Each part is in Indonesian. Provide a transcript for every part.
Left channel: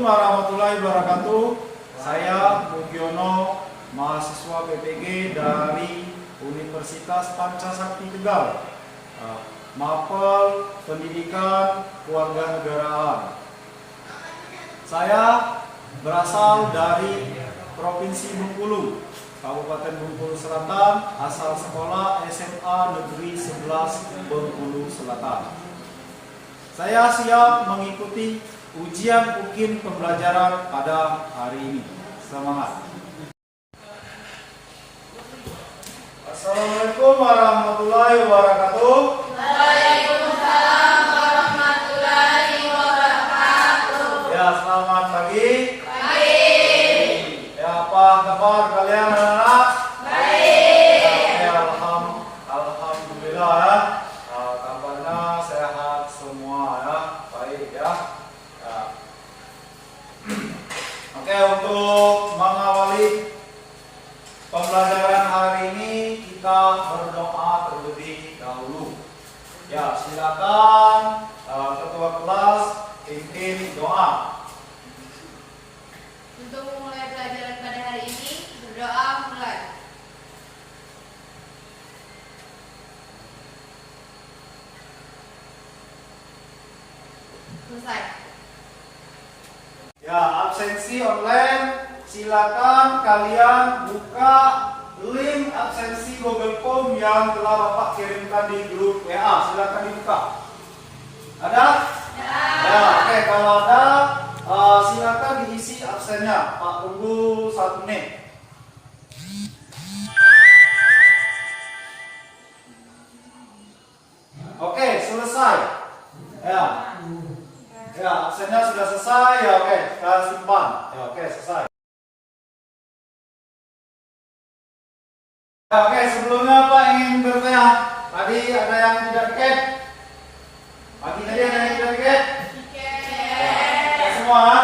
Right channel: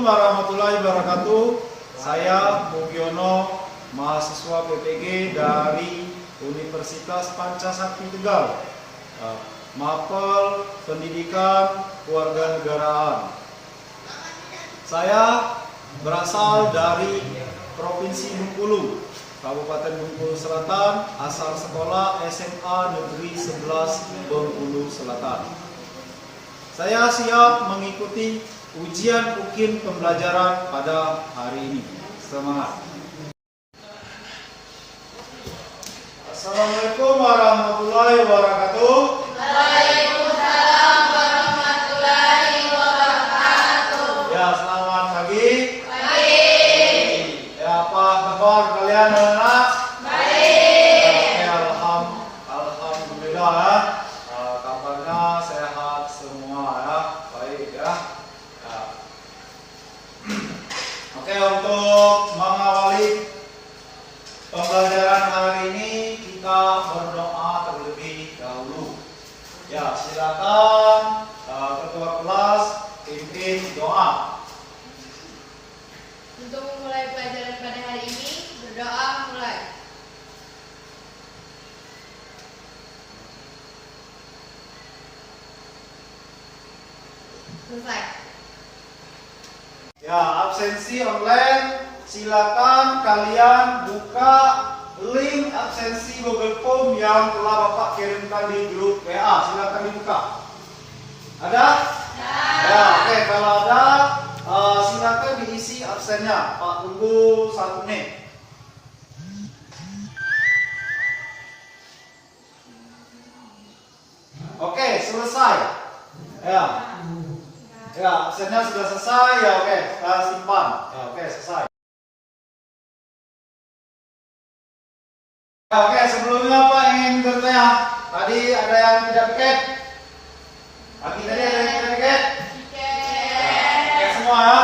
Assalamualaikum warahmatullahi wabarakatuh. Saya Mugiono, mahasiswa PPG dari Universitas Pancasakti Tegal, Mapel Pendidikan Kewarganegaraan. Saya berasal dari Provinsi Bengkulu, Kabupaten Bengkulu Selatan, asal sekolah SMA Negeri 11 Bengkulu Selatan. Saya siap mengikuti ujian UKIN pembelajaran pada hari ini. Semangat! Assalamualaikum warahmatullahi wabarakatuh. Waalaikumsalam warahmatullahi wabarakatuh. Ya, selamat pagi. Pagi. Ya, apa kabar kalian anak-anak? Baik. Ya, alhamdulillah ya. Kabarnya sehat semua ya. Baik ya. Oke, untuk mengawali pembelajaran hari ini kita berdoa terlebih dahulu. Ya, silakan ketua kelas pimpin doa. Untuk memulai pelajaran pada hari ini, berdoa mulai. Selesai. Ya, absensi online, silakan kalian buka link absensi Google Form yang telah Bapak kirimkan di grup WA. Silakan dibuka. Ada? Ya, oke, kalau ada silakan diisi absennya. Pak tunggu 1 menit. Oke, selesai. Ya. Ya, absennya sudah selesai. Ya, oke, kita simpan. Ya, oke, selesai. Ya, oke, sebelumnya Pak ingin bertanya. Tadi ada yang tidak tiket? Pagi tadi ada yang tidak tiket? Tiket semua ya?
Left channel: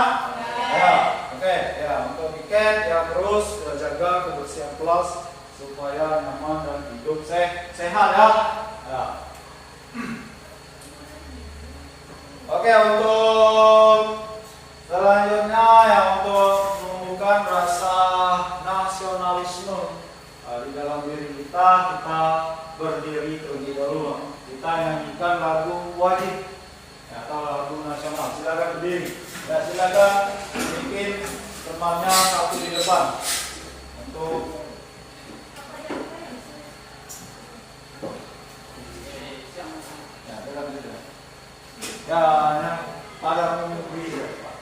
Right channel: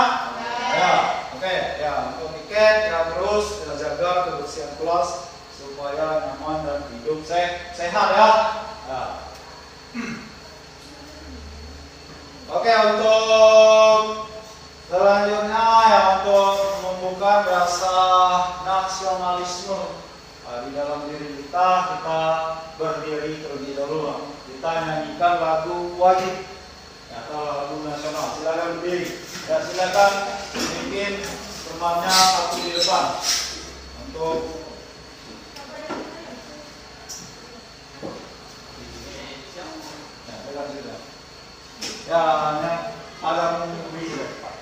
Ya, oke. Ya, untuk tiket ya terus ya, jaga kebersihan kelas supaya nyaman dan hidup sehat ya. Ya. Oke, untuk selanjutnya ya untuk menumbuhkan rasa nasionalisme di dalam diri kita berdiri terlebih dahulu. Kita nyanyikan lagu wajib ya, atau lagu nasional. Silakan berdiri. Ya, silakan bikin temannya satu di depan untuk ya, ada menunggu ya, Pak.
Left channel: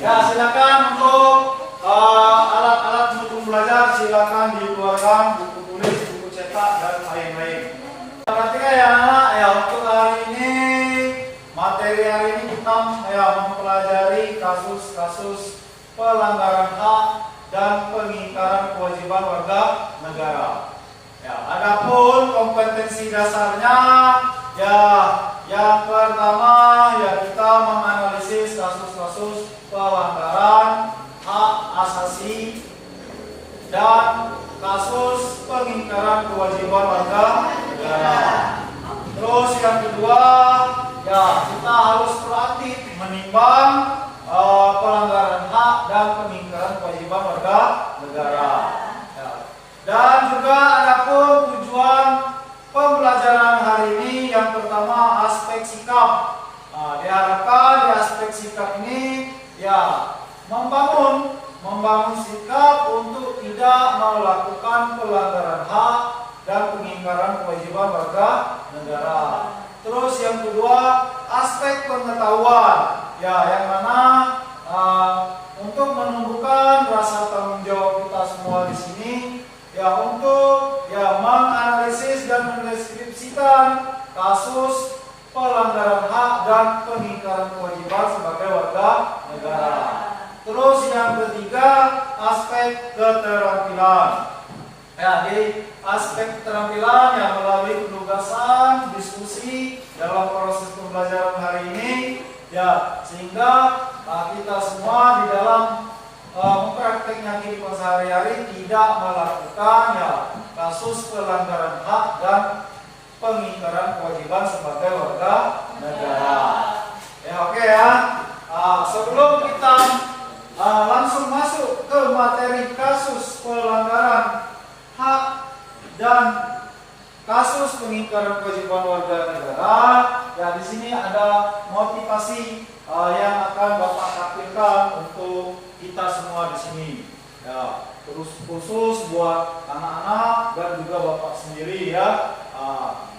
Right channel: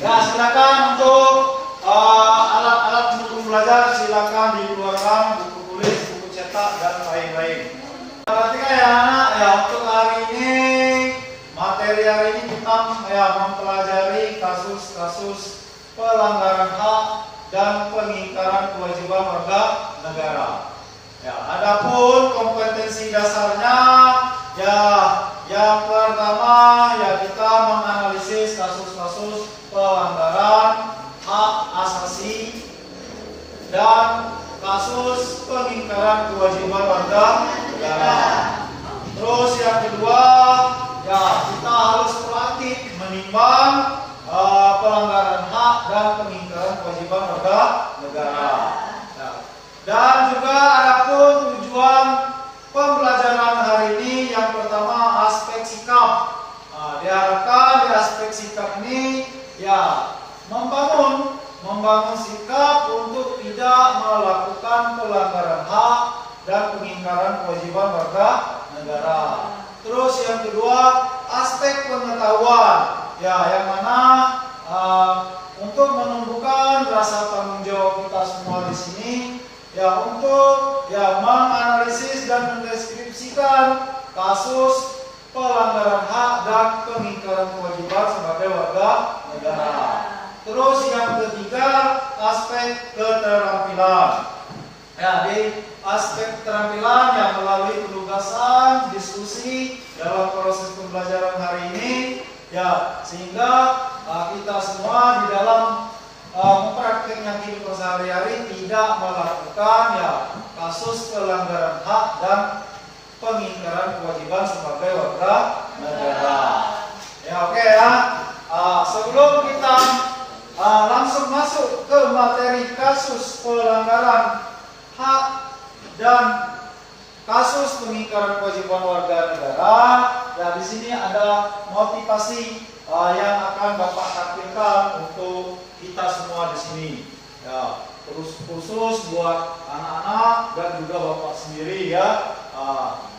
Ya, silakan untuk alat-alat pendukung belajar silakan dikeluarkan, buku tulis, buku cetak dan lain-lain. Perhatikan ya anak, ya untuk hari ini materi hari ini kita ya mempelajari kasus-kasus pelanggaran hak dan pengingkaran kewajiban warga negara. Ya, adapun kompetensi dasarnya ya yang pertama ya kita menganalisis kasus-kasus pelanggaran hak asasi dan kasus pengingkaran kewajiban warga negara. Terus yang kedua ya kita harus proaktif menimbang pelanggaran hak dan pengingkaran kewajiban warga negara. Ya. Dan juga adapun tujuan pembelajaran hari ini membangun sikap untuk tidak melakukan pelanggaran hak dan pengingkaran kewajiban warga negara. Terus yang kedua, aspek pengetahuan, ya, yang mana untuk menumbuhkan rasa tanggung jawab kita semua di sini, ya, untuk ya menganalisis dan mendeskripsikan kasus pelanggaran hak dan pengingkaran kewajiban sebagai warga negara. Terus yang ketiga, aspek keterampilan. Ya, di aspek keterampilan yang melalui penugasan, diskusi dalam proses pembelajaran hari ini, ya, sehingga kita semua di dalam mempraktiknya kehidupan sehari-hari tidak melakukan ya kasus pelanggaran hak dan pengingkaran kewajiban sebagai warga negara. Ya, oke ya. Sebelum kita langsung masuk ke materi kasus pelanggaran hak dan kasus pengingkaran kewajiban warga negara, ya, di sini ada motivasi yang akan Bapak tampilkan untuk kita semua di sini. Ya, terus khusus buat anak-anak dan juga Bapak sendiri ya.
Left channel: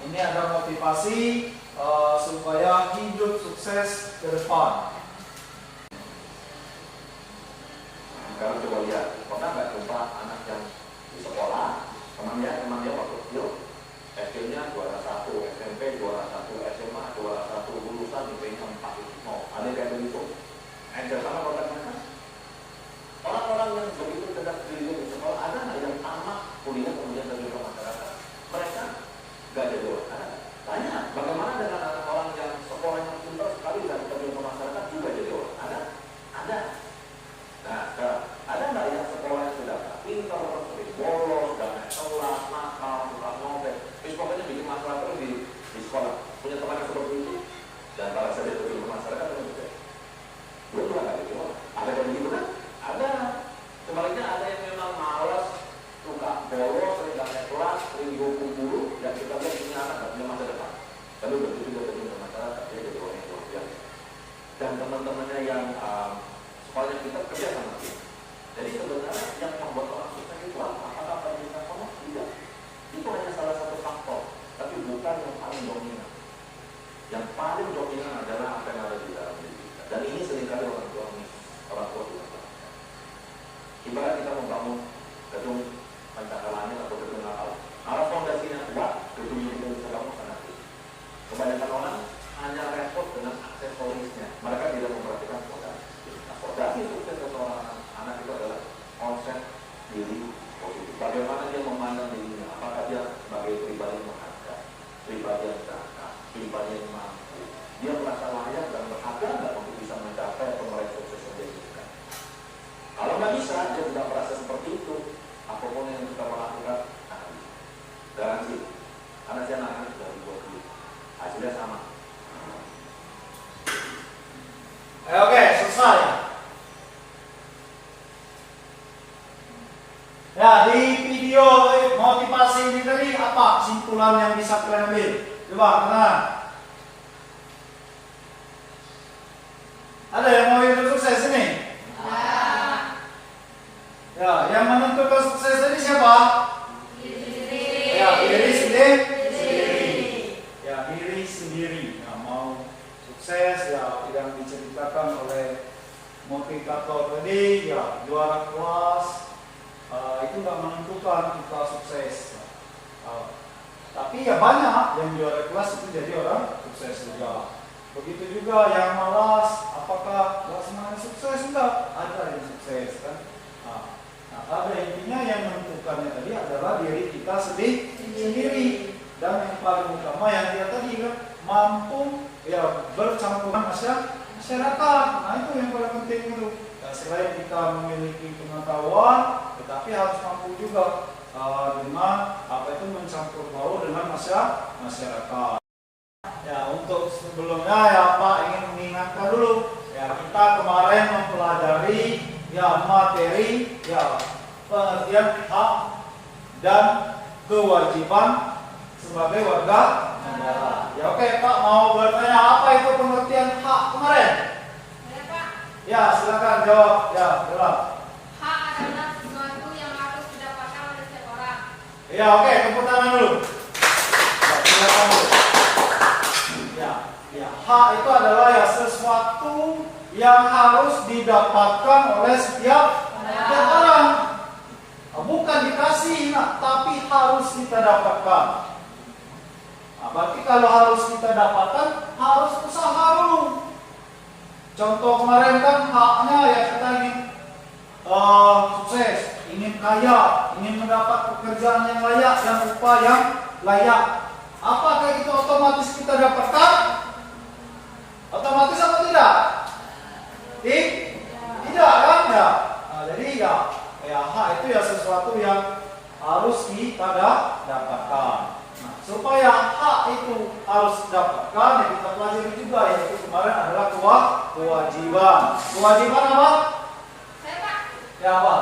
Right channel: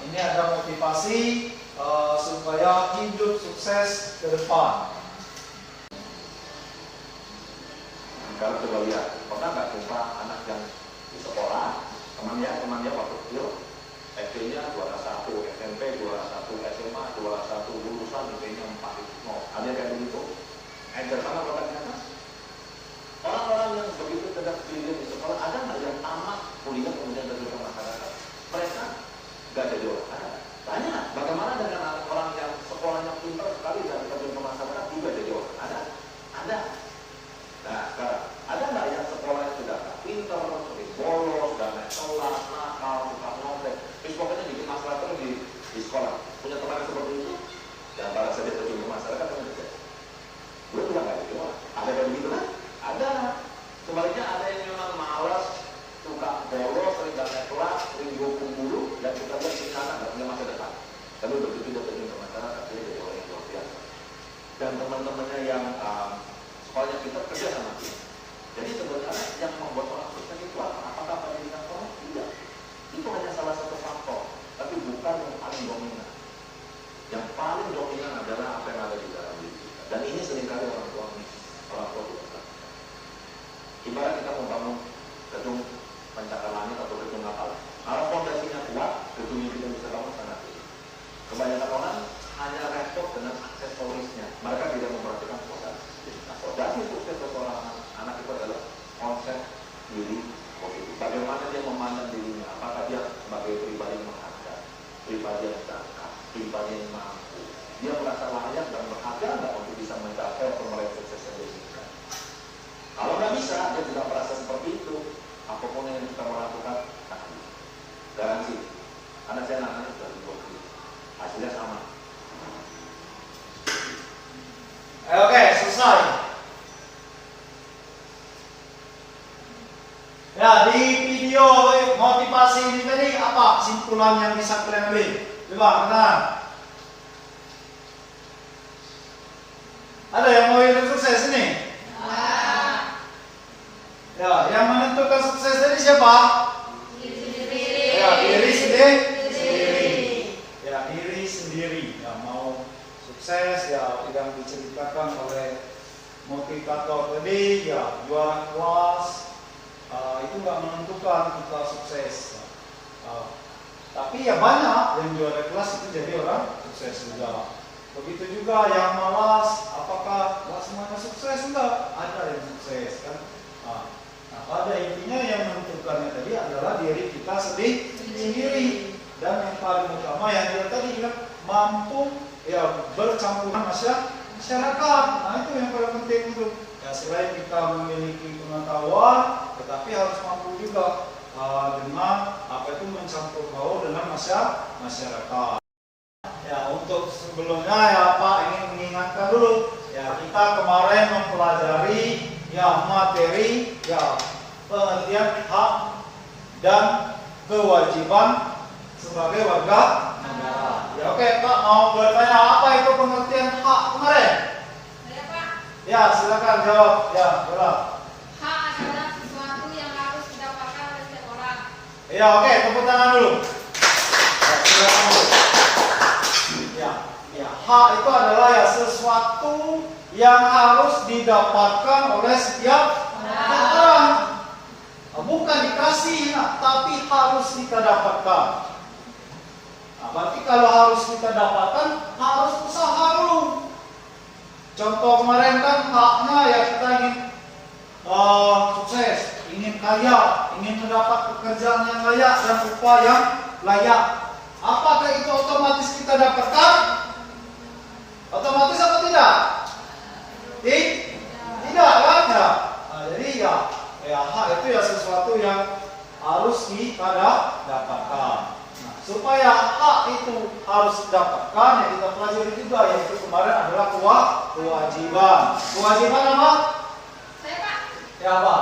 Ini ada motivasi supaya hidup sukses ke depan. Kalau coba lihat, pernah nggak jumpa anak yang di sekolah, teman dia waktu kecil, SD-nya juara 1, SMP juara 1, SMA juara 1, lulusan IP-nya 4, mau ada yang kayak begitu? Encer sama bakatnya kan? Orang-orang yang begitu cerdas diri di sekolah, ada nggak yang tamat kuliah kemudian terjun ke masyarakat? Mereka nggak jadi orang. Ada. Tanya, bagaimana dengan orang yang sekolahnya pintar sekali dan terjun ke masyarakat juga jadi orang? Ada? Ada. Nah, sekarang ada nggak yang sekolahnya sudah pintar, sering bolos, dan naik kelas, nakal, suka nyopet, pokoknya bikin masalah terus di sekolah? Punya teman yang seperti itu? Dan para saja terjun ke masyarakat dengan juga. Gue juga nggak jadi orang. Ada yang begitu kan? Ada. Sebaliknya ada yang memang malas, suka bolos, sering gak naik kelas, sering dihukum dulu, dan kita lihat punya anak nggak punya masa depan. Tapi begitu dia terjun ke masyarakat, dia jadi orang yang luar biasa. Dan teman-temannya yang sekolahnya kita kerja sama dia. Jadi sebenarnya yang membuat orang sukses itu apa? Apakah pendidikan sekolah? Tidak. Itu hanya salah satu faktor, tapi bukan yang paling dominan. Yang paling dominan adalah apa yang ada di dalam diri kita. Dan ini seringkali orang tua tidak perhatikan. Ibarat kita membangun gedung pencakar langit atau gedung kapal. Kalau fondasinya kuat, gedung yang kita bisa bangun sangat tinggi. Kebanyakan orang hanya repot dengan aksesorisnya. Mereka tidak memperhatikan fondasi. Nah, fondasi sukses seseorang anak itu adalah konsep diri positif. Bagaimana dia memandang dirinya? Apakah dia sebagai pribadi yang menghargai, pribadi yang cakap, pribadi yang mampu? Dia merasa layak dan berharga nggak untuk bisa mencapai atau meraih sukses yang dia inginkan? Kalau nggak bisa, dia tidak merasa seperti itu. Apapun yang kita lakukan, akan bisa. Garansi. Karena saya nangani sudah 2 kali. Hasilnya sama. Oke, selesai. Ya, di video motivasi ini tadi apa kesimpulan yang bisa kalian ambil? Coba, kenalan. Ada yang mau hidup sukses ini? Ya, yang menentukan sukses tadi siapa? Ya, diri sendiri. Ya, diri sendiri. Ya, mau sukses ya yang diceritakan oleh motivator tadi, ya juara kelas itu nggak menentukan kita sukses. Tapi ya banyak yang juara kelas itu jadi orang sukses juga. Begitu juga yang malas, apakah nggak semuanya sukses? Enggak, ada yang sukses kan. Nah, pada intinya yang menentukannya tadi adalah diri kita sendiri. Dan yang paling utama yang dia tadi kan mampu ya bercampur masyarakat. Nah, itu yang paling penting itu. Ya, selain kita memiliki pengetahuan, tetapi harus mampu juga dengan apa itu mencampur baur dengan masyarakat. Ya, untuk sebelumnya ya Pak ingin mengingatkan dulu ya, kita kemarin mempelajari ya materi ya pengertian hak dan kewajiban sebagai warga negara. Ya, oke Pak, mau bertanya apa itu pengertian hak kemarin? Ada Pak. Ya, silakan jawab. Ya, jawab. Ya, oke, tepuk tangan dulu. Ya, silakan dulu. Ya, hak itu adalah ya sesuatu yang harus didapatkan oleh setiap orang. Bukan dikasih, tapi harus kita dapatkan. Nah, berarti kalau harus kita dapatkan, harus usaha dulu. Contoh kemarin kan haknya ya kita ingin sukses, ingin kaya, ingin mendapat pekerjaan yang layak dan upah yang layak. Apakah itu otomatis kita dapatkan? Otomatis atau tidak? Tidak kan ya? Nah, jadi ya hak itu ya sesuatu yang harus kita dapatkan. Nah, supaya hak itu harus didapatkan ya kita pelajari juga yaitu kemarin adalah kewajiban. Kewajiban apa? Saya Pak. Ya apa?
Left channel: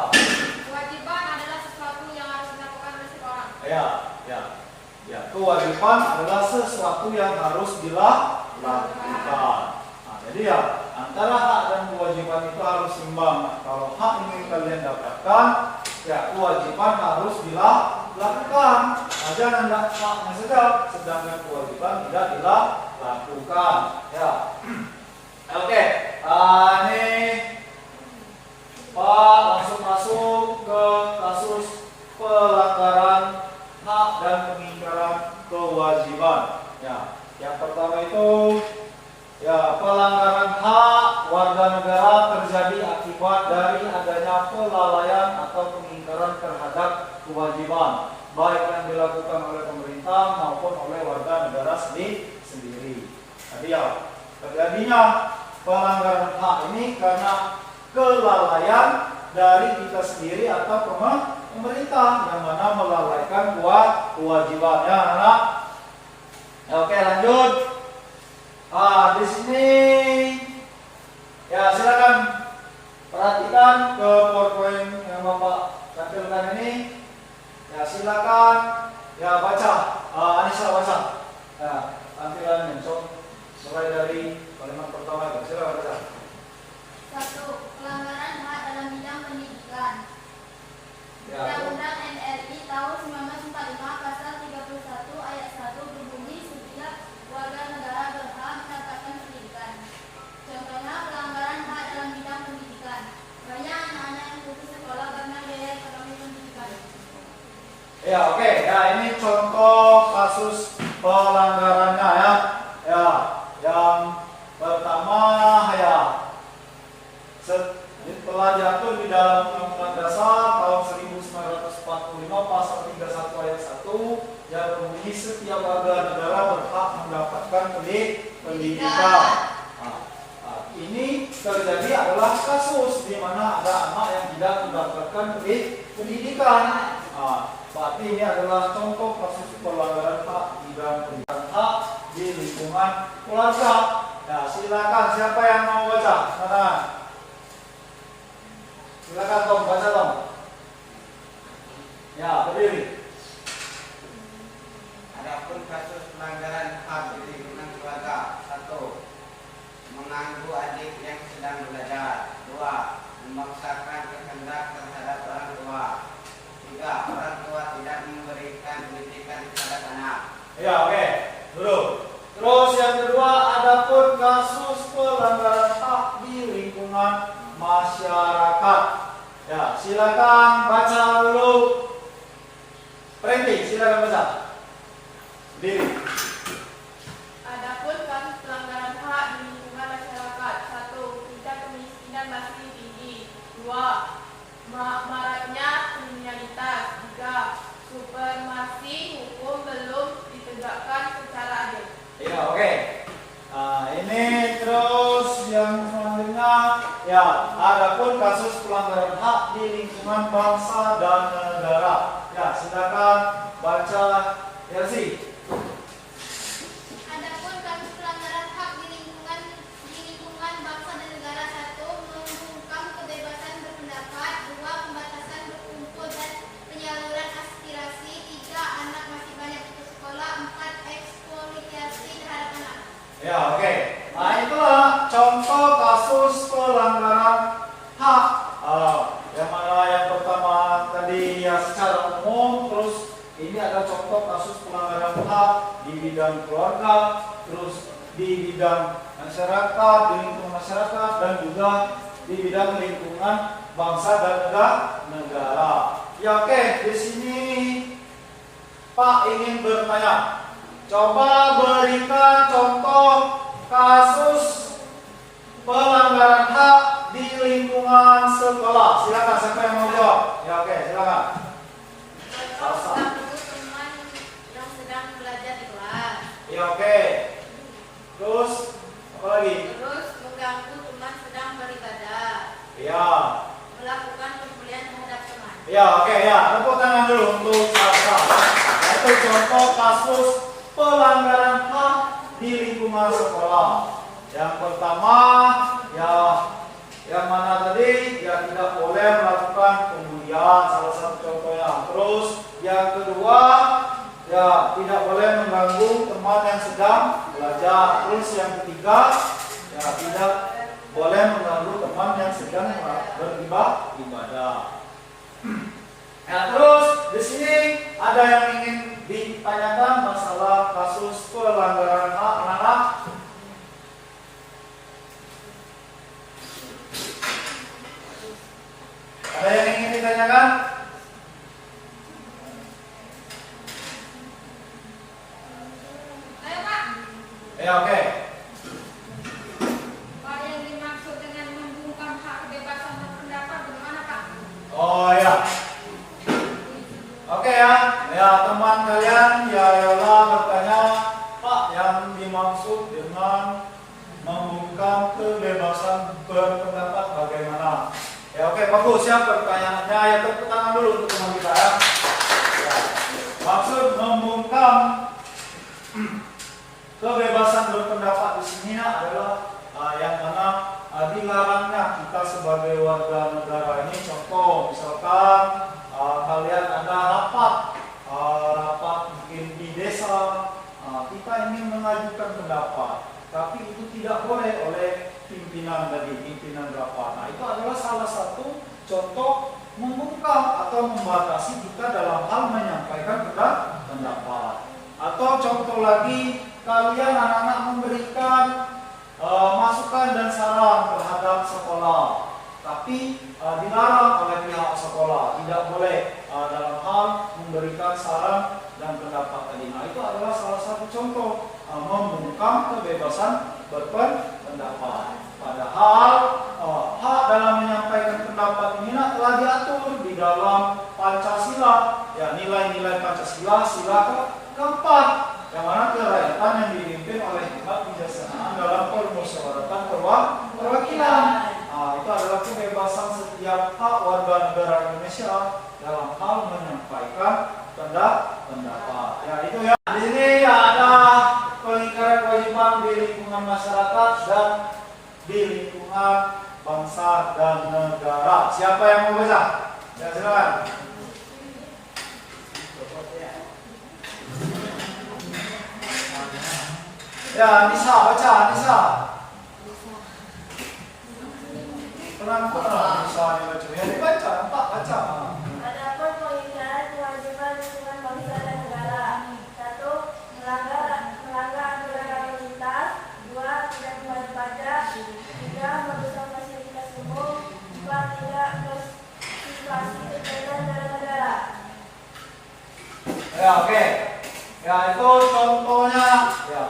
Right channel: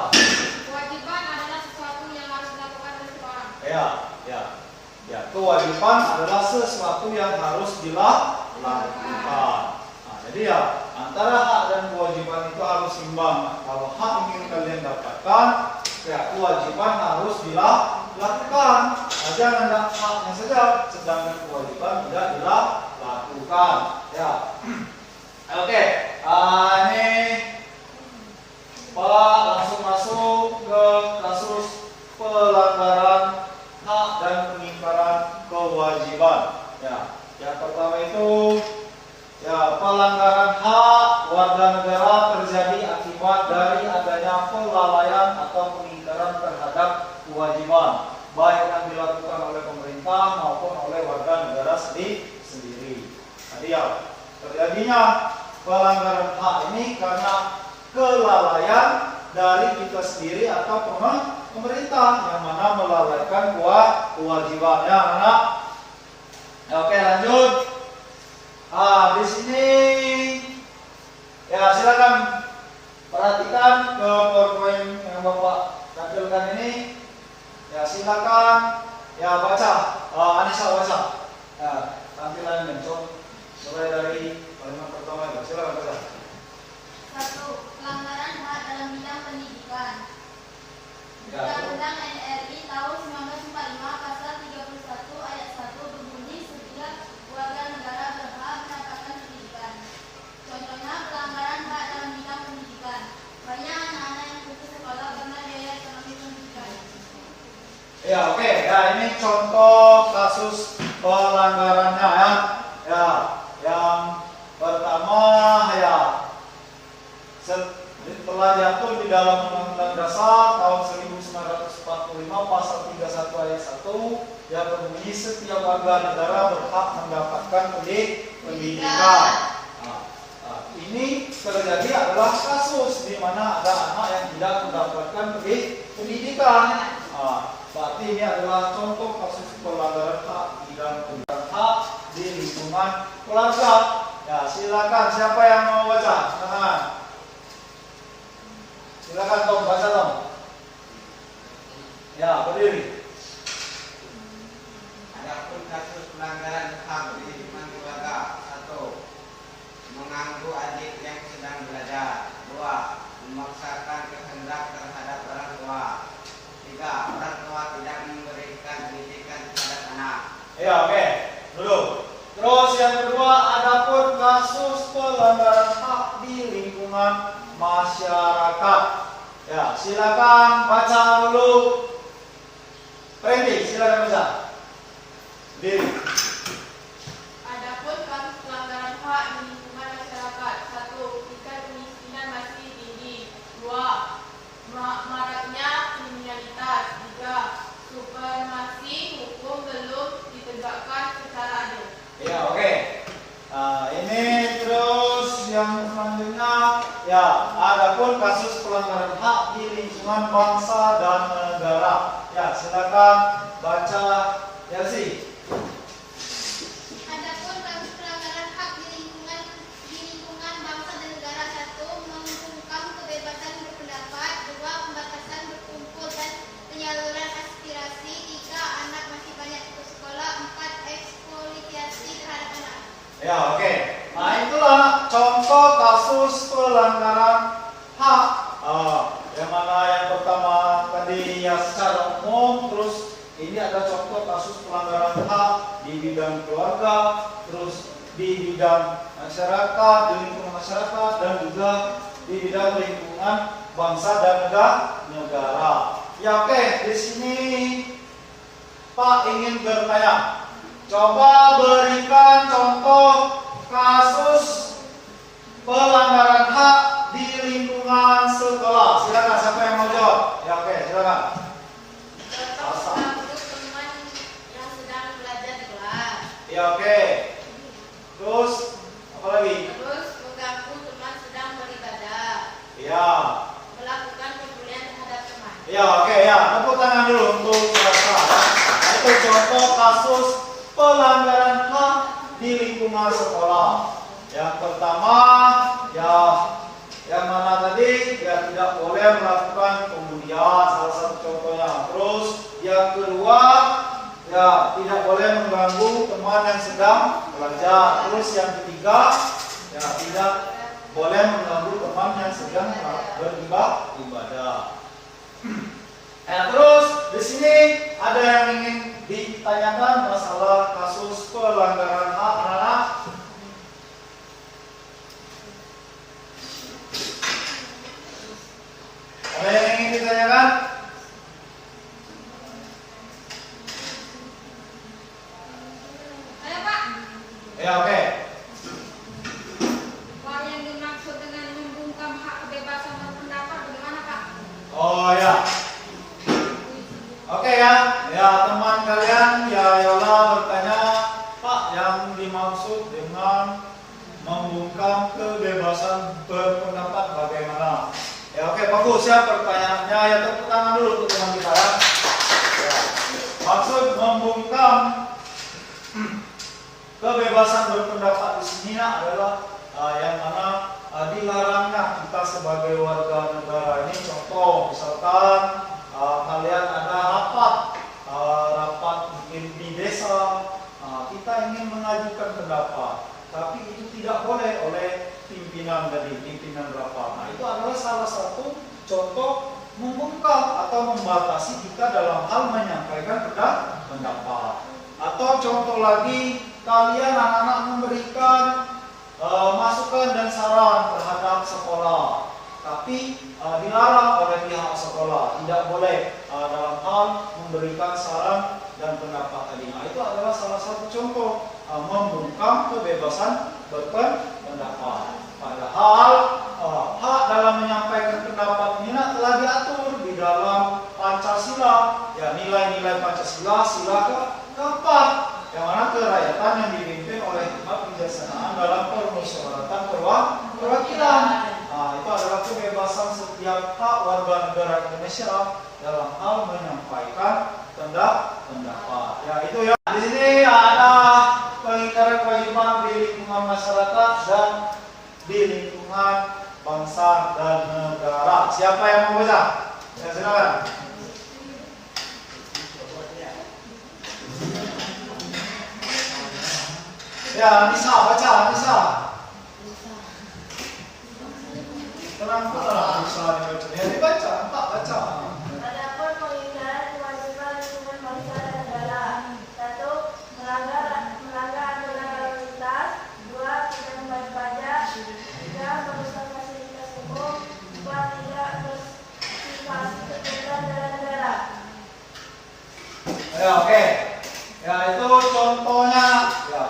Kewajiban adalah sesuatu yang harus dilakukan oleh seseorang. Ya, kewajiban adalah sesuatu yang harus dilakukan. Nah, jadi ya antara hak dan kewajiban itu harus imbang. Nah, kalau hak ingin kalian dapatkan, ya kewajiban harus dilakukan. Nah, jangan haknya saja, sedangkan kewajiban tidak dilakukan. Ya, oke. Ini Pak langsung masuk ke kasus pelanggaran hak dan pengingkaran kewajiban. Ya, yang pertama itu ya pelanggaran hak warga negara terjadi akibat dari adanya kelalaian atau pengingkaran terhadap kewajiban, baik yang dilakukan oleh pemerintah maupun oleh warga negara sendiri. Tadi ya terjadinya pelanggaran hak ini karena kelalaian dari kita sendiri atau pemerintah yang mana melalaikan kewajiban. Ya, anak. Oke, lanjut. Di sini ya silakan perhatikan ke PowerPoint yang Bapak tampilkan ini. Ya, silakan ya baca. Anissa baca. Ya, tampilan mencon mulai dari kalimat pertama. Silakan baca. 1. Pelanggaran hak dalam bidang pendidikan. Ya, Undang-Undang NRI tahun 1945 pasal 31 ayat 1 berbunyi sebilang warga negara berhak mendapatkan pendidikan. Contohnya pelanggaran hak dalam bidang pendidikan. Banyak anak-anak yang putus sekolah karena biaya ekonomi pendidikan. ya oke. Ya, ini contoh kasus pelanggarannya ya. Ya, yang pertama ya telah jatuh di dalam Undang-Undang Dasar tahun 1945 pasal 31 ayat 1 yang berbunyi setiap warga negara berhak mendapatkan pendidikan. Ini terjadi adalah kasus di mana ada anak yang tidak mendapatkan pendidikan. Berarti ini adalah contoh kasus pelanggaran hak bidang pendidikan hak di lingkungan keluarga. Ya, silakan siapa yang mau baca? Silakan Tom, baca Tom. Ya, berdiri. Adapun kasus pelanggaran hak di lingkungan keluarga: 1. Mengganggu adik yang sedang belajar. 2. Memaksakan kehendak terhadap orang tua. 3. Orang tua tidak memberikan pendidikan terhadap anak. Ya, oke. Dulu. Terus yang kedua, adapun kasus pelanggaran hak di lingkungan masyarakat. Ya, silakan baca dulu. Prendi, silakan baca. Diri. Adapun kasus pelanggaran hak di lingkungan masyarakat: 1. Tingkat kemiskinan masih tinggi. 2. Maraknya kriminalitas. 3. Supremasi hukum belum ditegakkan secara adil. Ya, oke. Nah, ini terus yang selanjutnya ya, adapun kasus pelanggaran hak di lingkungan bangsa dan negara. Ya, silakan baca Yasi. Adapun kasus pelanggaran hak di lingkungan bangsa dan negara: 1. Membungkam kebebasan berpendapat. 2. Pembatasan berkumpul dan penyaluran aspirasi. 3. Anak masih banyak putus sekolah. 4. Eksploitasi terhadap anak. Ya, oke. Nah, itulah contoh kasus pelanggaran hak. Yang mana yang pertama tadi ya secara umum, terus Ini ada contoh kasus pelanggaran HAM di bidang keluarga, terus di bidang masyarakat, di lingkungan masyarakat, dan juga di bidang lingkungan bangsa dan negara. Ya oke, di sini Pak ingin bertanya. Coba berikan contoh kasus pelanggaran hak di lingkungan sekolah. Silakan, siapa yang mau jawab? Ya oke, silakan. Contoh mengganggu teman yang sedang belajar di kelas. Ya oke. Terus apa lagi? Terus mengganggu teman sedang beribadah. Ya. Melakukan pembulian terhadap teman. Ya oke ya. Tepuk tangan dulu untuk Sasa. Itu contoh kasus pelanggaran hak di lingkungan sekolah. Yang pertama, ya yang mana tadi? Ya tidak boleh melakukan pembulian, salah satu contohnya. Terus yang kedua, ya tidak boleh mengganggu teman yang sedang belajar. Terus yang ketiga, ya tidak boleh mengganggu teman yang sedang beribadah. Nah, terus di sini ada yang ingin ditanyakan masalah kasus pelanggaran hak anak. Ada yang ingin ditanyakan? Ayo Pak, Ya oke. Pak yang dimaksud dengan membungkam hak kebebasan berpendapat bagaimana Pak? Oh ya. Oke ya. Ya teman kalian ya Yola bertanya, Pak yang dimaksud dengan membungkam kebebasan berpendapat bagaimana? Ya oke, bagus ya pertanyaannya. Ya tepuk tangan dulu untuk teman kita ya. Ya. Maksud membungkam kebebasan berpendapat di sini adalah yang mana dilarangnya kita sebagai warga negara ini. Contoh misalkan kalian ada rapat mungkin di desa, kita ingin mengajukan pendapat, tapi itu tidak boleh oleh pimpinan rapat. Nah itu adalah salah satu contoh membungkam atau membatasi kita dalam hal menyampaikan pendapat. Atau contoh lagi, kalian anak-anak memberikan masukan dan saran terhadap sekolah, tapi dilarang oleh pihak sekolah, tidak boleh dalam hal memberikan saran dan pendapat tadi. Nah itu adalah salah satu contoh membungkam kebebasan berpendapat. Padahal hak dalam menyampaikan pendapat ini telah diatur di dalam Pancasila, ya nilai-nilai Pancasila sila keempat, yang mana kerakyatan yang dipimpin oleh hikmat kebijaksanaan dalam permusyawaratan perwakilan. Nah, itu adalah kebebasan setiap hak warga negara Indonesia dalam hal menyampaikan pendapat. Ya itu ya. Di sini ada pengingkaran kewajiban di lingkungan masyarakat dan di lingkungan bangsa dan negara. Siapa yang mau baca? Ya silakan. Ya Nisa baca Nisa. Tenang Nisa dibaca. Ya dibaca, Pak baca. Adapun pengingkaran kewajiban lingkungan bangsa dan negara. 1. Melanggar aturan lalu lintas. 2. Tidak membayar pajak. 3. Merusak fasilitas umum. 4. Tidak bersimpati kepada negara. Ya oke. Ya itu contohnya. Ya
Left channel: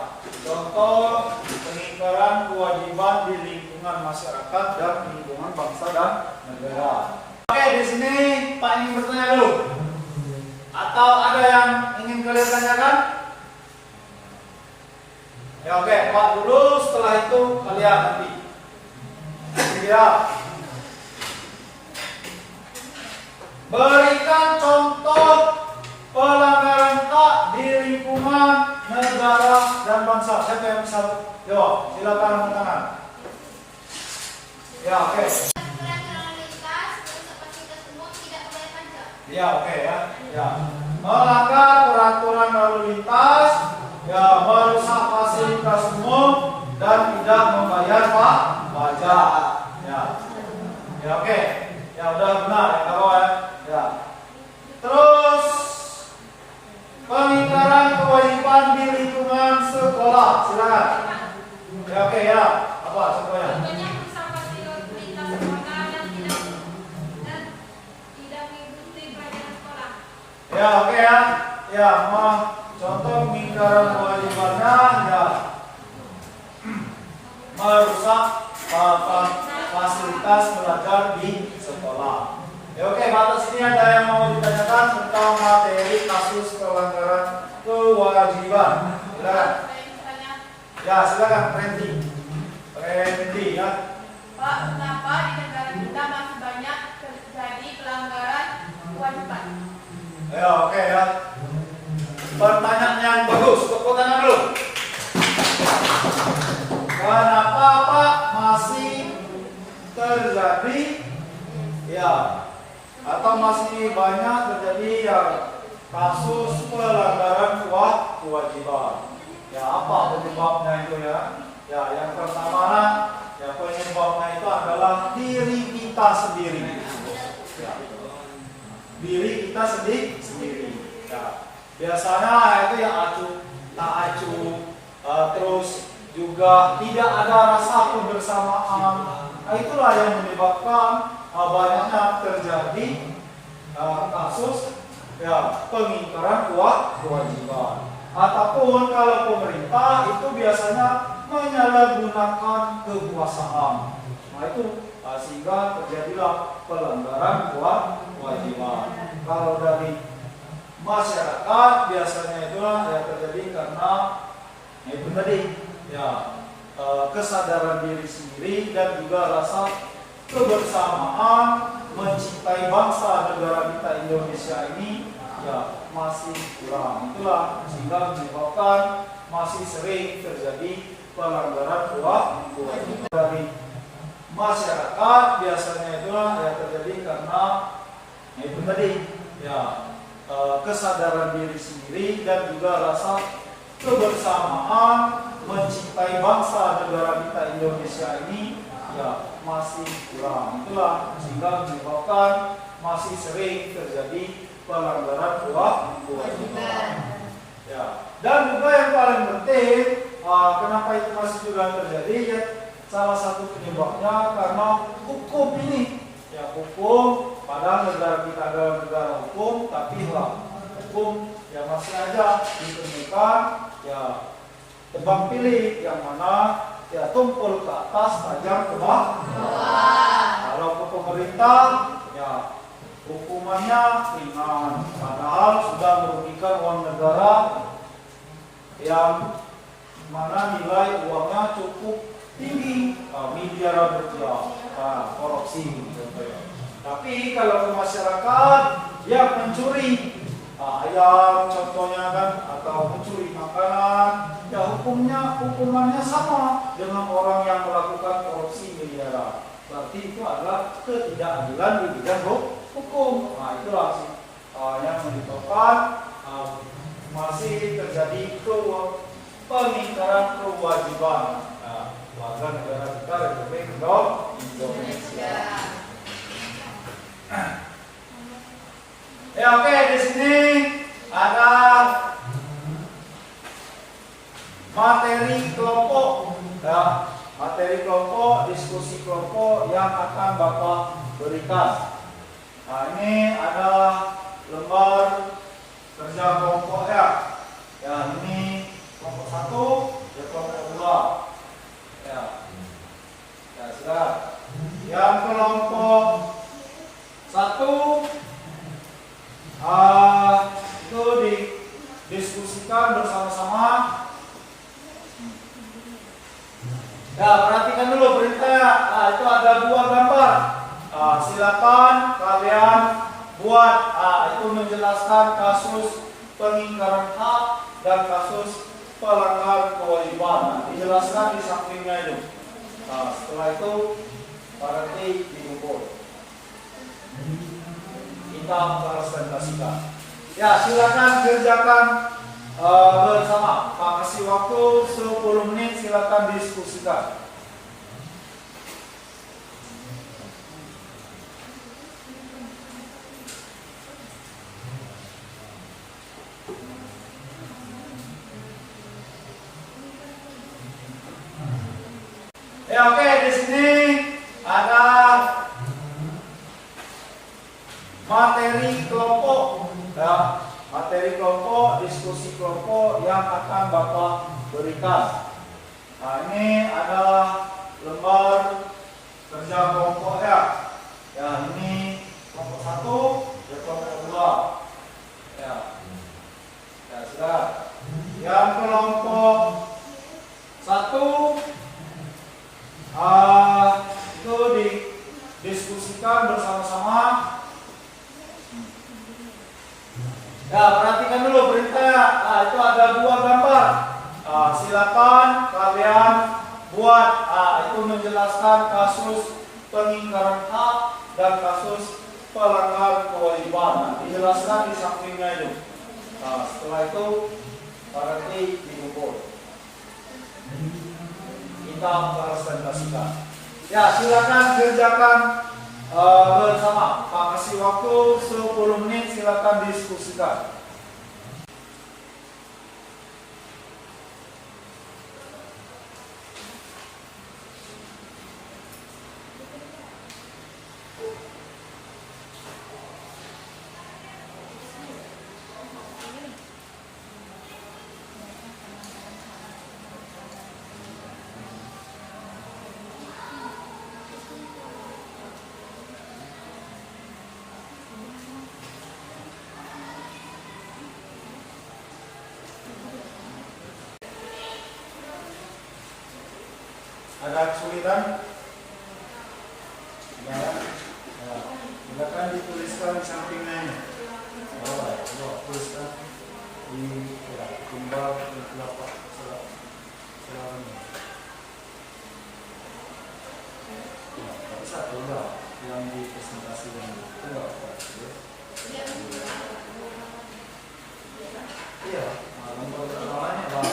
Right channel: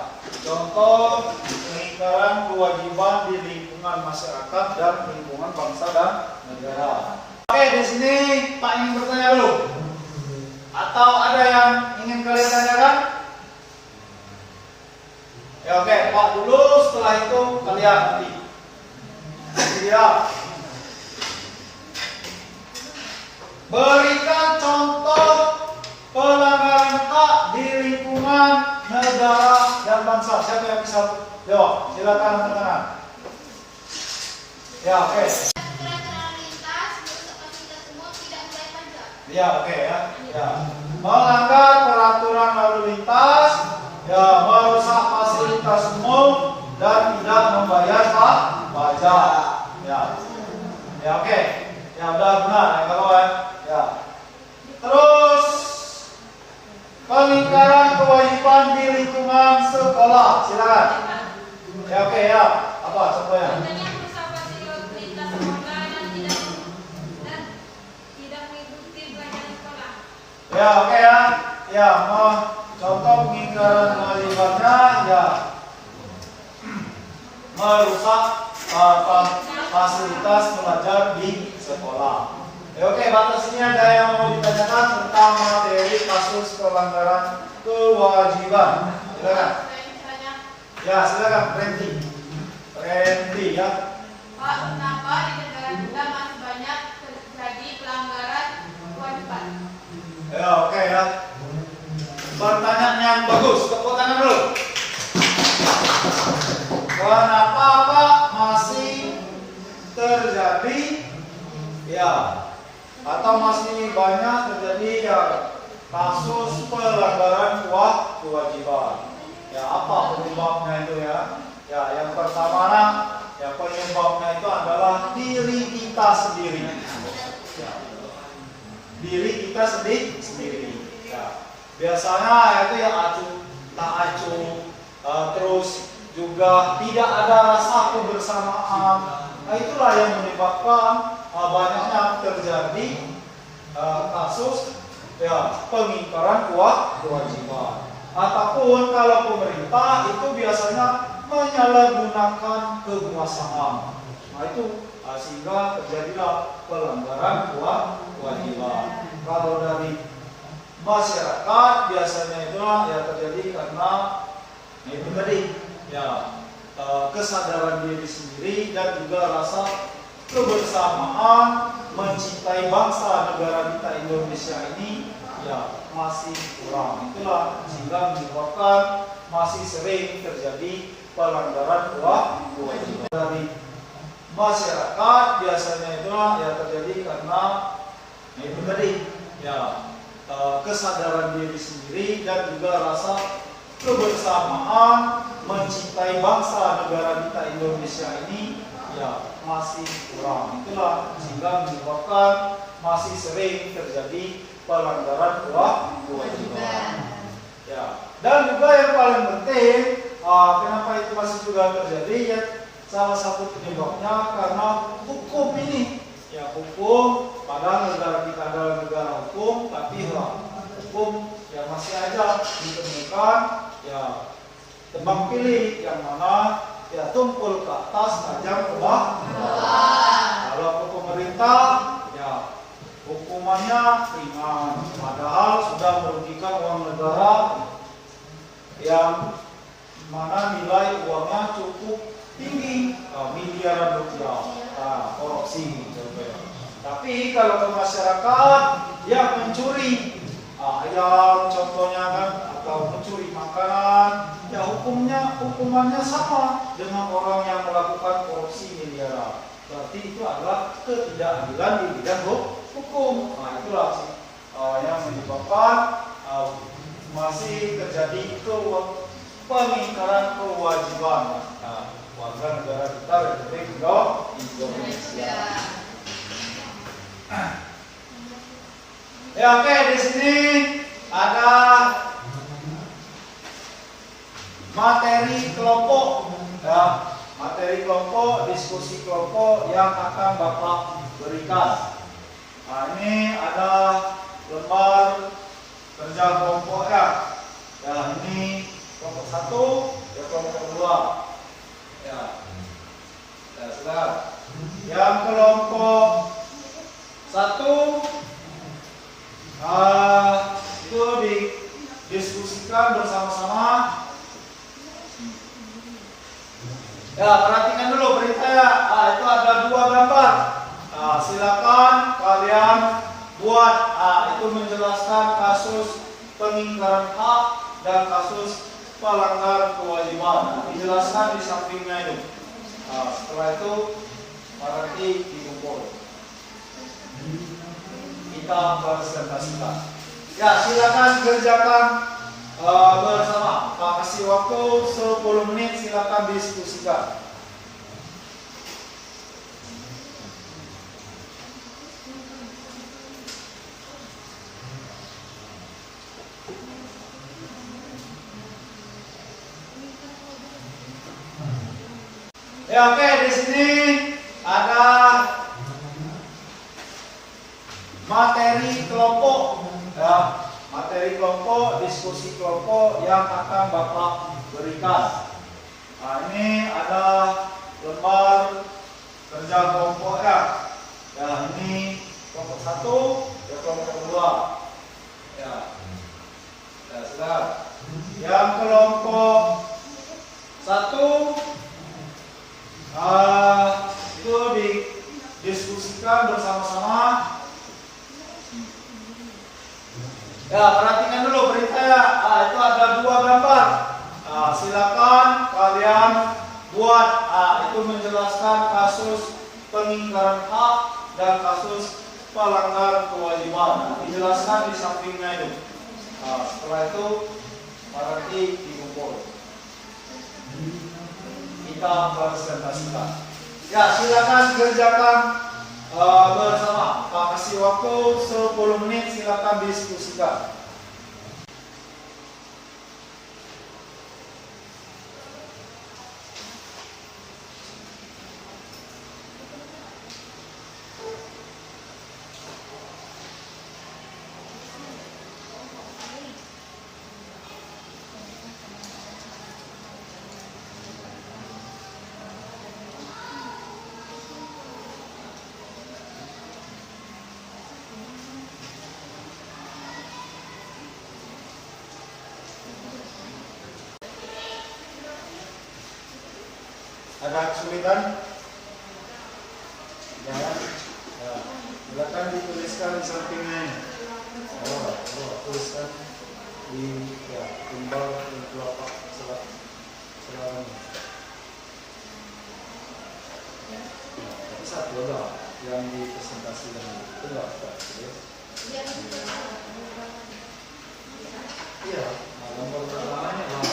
contoh pengingkaran kewajiban di lingkungan masyarakat dan lingkungan bangsa dan negara. Oke, di sini Pak ingin bertanya dulu. Atau ada yang ingin kalian tanyakan? Ya oke, Pak dulu, setelah itu kalian nanti. Ya. Berikan contoh pelanggaran hak di lingkungan negara dan bangsa. Siapa yang bisa jawab? Silakan angkat tangan. Ya oke. Aturan lalu lintas, merusak fasilitas umum, tidak membayar pajak. Ya oke ya. Ya. Melanggar peraturan lalu lintas, ya merusak fasilitas umum dan tidak membayar pajak. Ya. Ya oke. Ya udah benar ya kawan. Ya. Terus oke ya. Apa contohnya? Contohnya pesawat lintas sekolah dan tidak mengikuti pelajaran sekolah. Ya, oke ya. Ya, contoh pengingkaran kewajibannya ya merusak fasilitas belajar di sekolah. Ya, oke, batas ini ada yang mau ditanyakan tentang materi kasus pelanggaran kewajiban. Silakan. Ya, silakan Randy ya. Pak, kenapa di negara kita masih banyak terjadi pelanggaran kewajiban? Ya, oke ya. Pertanyaan yang bagus, tepuk tangan dulu. Kenapa Pak masih terjadi ya atau masih banyak terjadi ya kasus pelanggaran kewajiban? Ya, apa penyebabnya itu ya? Ya, yang pertama ya penyebabnya itu adalah diri kita sendiri. Ya. Diri kita sendiri. Ya. Biasanya itu yang tak acuh, terus juga tidak ada rasa kebersamaan. Nah, itulah yang menyebabkan banyaknya terjadi kasus ya pengingkaran kewajiban. Ataupun kalau pemerintah itu biasanya menyalahgunakan kekuasaan. Nah, itu sehingga terjadilah pelanggaran kewajiban. Kalau dari masyarakat biasanya itu ya terjadi karena itu tadi ya kesadaran diri sendiri dan juga rasa kebersamaan mencintai bangsa negara kita Indonesia ini ya masih kurang. Itulah sehingga menyebabkan masih sering terjadi pelanggaran kewajiban dari masyarakat biasanya itu ya terjadi karena itu tadi ya kesadaran diri sendiri dan juga rasa kebersamaan mencintai bangsa negara kita Indonesia ini ya masih kurang. Itulah sehingga menyebabkan masih sering terjadi pelanggaran kewajiban. Ya. Dan juga yang paling penting, kenapa itu masih juga terjadi ya? Salah satu penyebabnya karena hukum ini. Ya, hukum padahal negara kita adalah negara hukum, tapi hukum yang masih aja ditemukan ya tebang pilih yang mana ya tumpul ke atas, tajam ke bawah. Kalau ke pemerintah ya hukumannya ringan, padahal sudah merugikan uang negara yang mana nilai uangnya cukup tinggi, miliaran rupiah, korupsi contohnya. Tapi kalau ke masyarakat yang mencuri ayam contohnya kan, atau mencuri makanan, ya hukumannya sama dengan orang yang melakukan korupsi miliaran. Berarti itu adalah ketidakadilan di bidang hukum. Nah, itulah sih yang menyebabkan masih terjadi pengingkaran kewajiban warga negara kita Republik Indonesia. Ya, oke, di sini ada materi kelompok, ya, materi kelompok, diskusi kelompok yang akan Bapak berikan. Nah, ini ada lembar kerja kelompok ya. Ya, ini kelompok 1, ya kelompok 2. Ya. Ya, silakan. Yang kelompok 1 itu didiskusikan bersama-sama. Ya, perhatikan dulu perintah. Itu ada 2 gambar. Silakan kalian buat itu menjelaskan kasus pengingkaran hak dan kasus pelanggaran kewajiban. Dijelaskan di sampingnya itu. Setelah itu nanti dikumpul. Kita presentasikan. Ya, silakan kerjakan bersama. Pak kasih waktu 10 menit, silakan diskusikan. Ya, oke, di sini ada materi kelompok, ya, materi kelompok, diskusi kelompok yang akan Bapak berikan. Nah, ini ada lembar kerja kelompok ya. Ya, ini kelompok 1, ya, kelompok 2. Ya, ya sudah. Yang kelompok 1 itu didiskusikan bersama-sama. Ya, perhatikan dulu perintahnya. Itu ada 2 gambar. Silakan kalian buat. Itu menjelaskan kasus pengingkaran hak dan kasus pelanggaran kewajiban. Dijelaskan di sampingnya itu. Setelah itu nanti dikumpul. Kita presentasikan. Ya, silakan kerjakan bersama. Pak kasih waktu 10 menit, silakan diskusikan. Ada kesulitan? Tidak. Silakan dituliskan di sampingnya. Tuliskan di gambar di telapak selama. Bisa beda yang dipresentasikan itu enggak apa? Iya. Nomor pertamanya adalah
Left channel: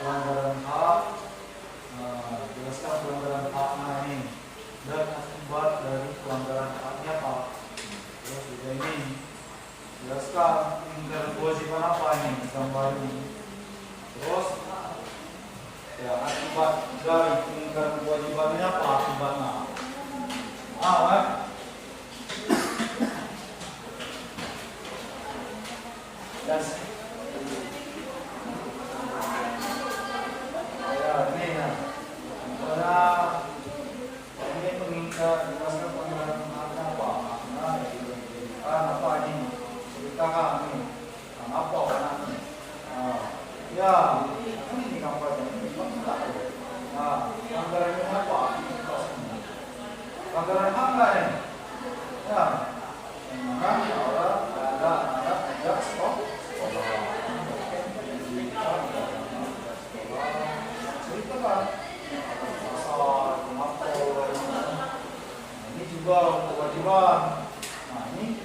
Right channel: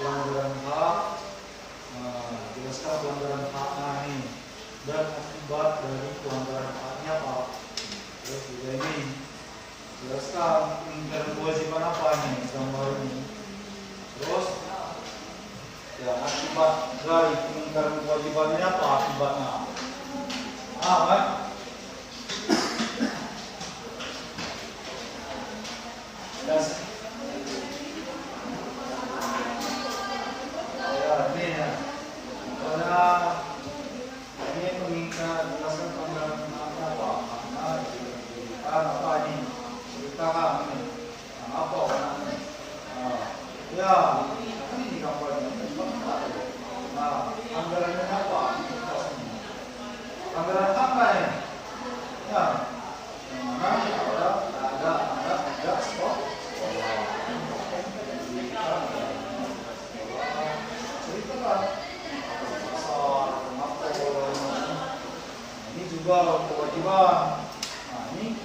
pelanggaran hak, jelaskan pelanggaran haknya ini dan akibat dari pelanggaran haknya apa. Terus juga ini jelaskan pelanggaran kewajiban apa ini gambar ini. Terus ya akibat dari pelanggaran kewajiban ini apa akibatnya. Kan? Dan ini mengingat jelaskan pelanggaran apa? Apa ini? Ceritakan ini. Apa ini? Ya, ini gambarnya. Anggarannya apa? Anggaran apa ya? Ya, ada stok. Ceritakan. Juga kewajiban. Nah, ini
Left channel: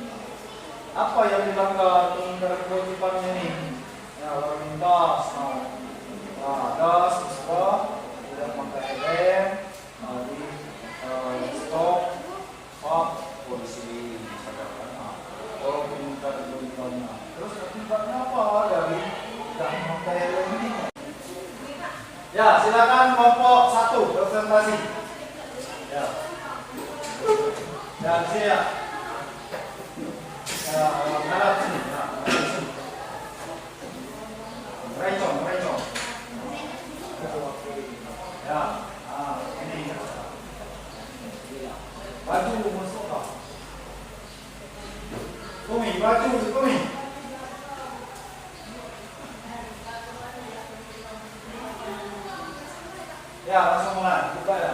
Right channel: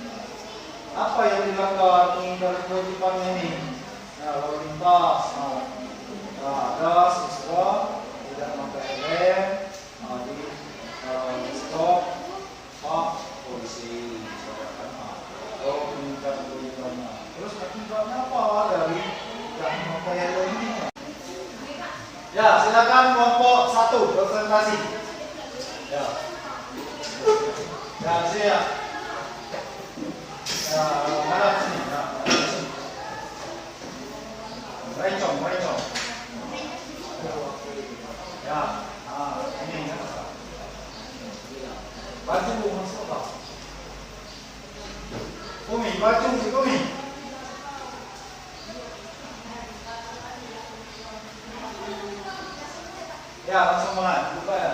apa yang dilanggar pengingkaran kewajiban ini? Ya, lalu lintas. Ada siswa tidak memakai helm di stop Pak polisi misalkan. Atau pengingkaran kewajibannya. Terus akibatnya apa dari tidak memakai helm ini? Ya, silakan kelompok 1 presentasi. Ya. Dan saya menghadap sini. Merencong. Ya, ini. Baju masuk tak? Kumi. Ya, langsung mulai. Buka ya.